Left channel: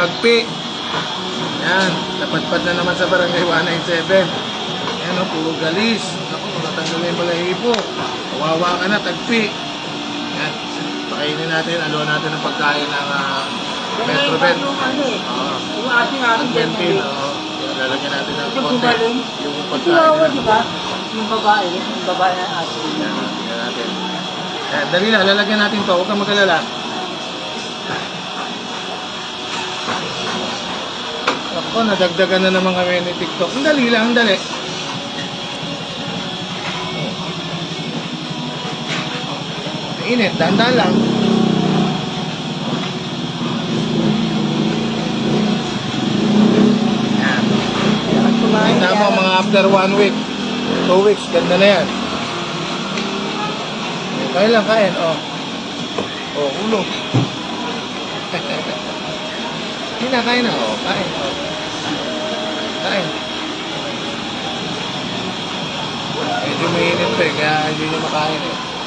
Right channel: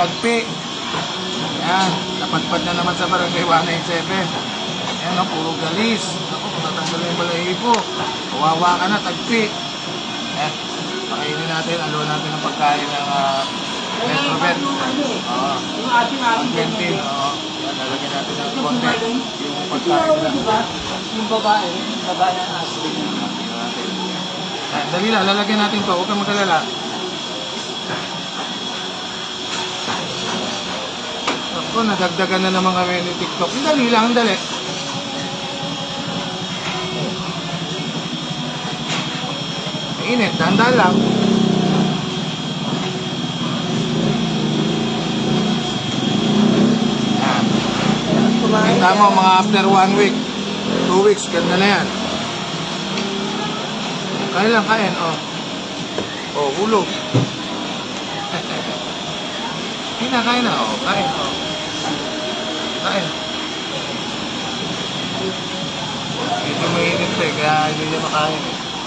Tagpi. Yan, napatpad na naman sa barangay 187. Ano, puro galis. Ako, matatanggal yung balahibo po. Kawawa ka na, tagpi. Yan, pakainin natin, aluan natin ng pagkain ng uh. Yung ano eh. Oo. Yung ating Ang ating Gentil, oo. Yan, lalagyan natin ng Yung konti. Yung pagkain. ba? Yung babae. Yung babae na ating. Yan, natin. Yan, dali lang, lalagyan natin to. Huwag kang magalala. Ako, nadagdagan na naman kami ni TikTok. Ang dali lang, ang dali. Init, dandan lang. Mo, mga after one week, two weeks, ganda na yan. Kain lang, kain, oh. Oh, hulog. Hindi na, kain na, oh. Kain, oh. Kain. Medyo mainit to eh, kaya hindi niya makain eh.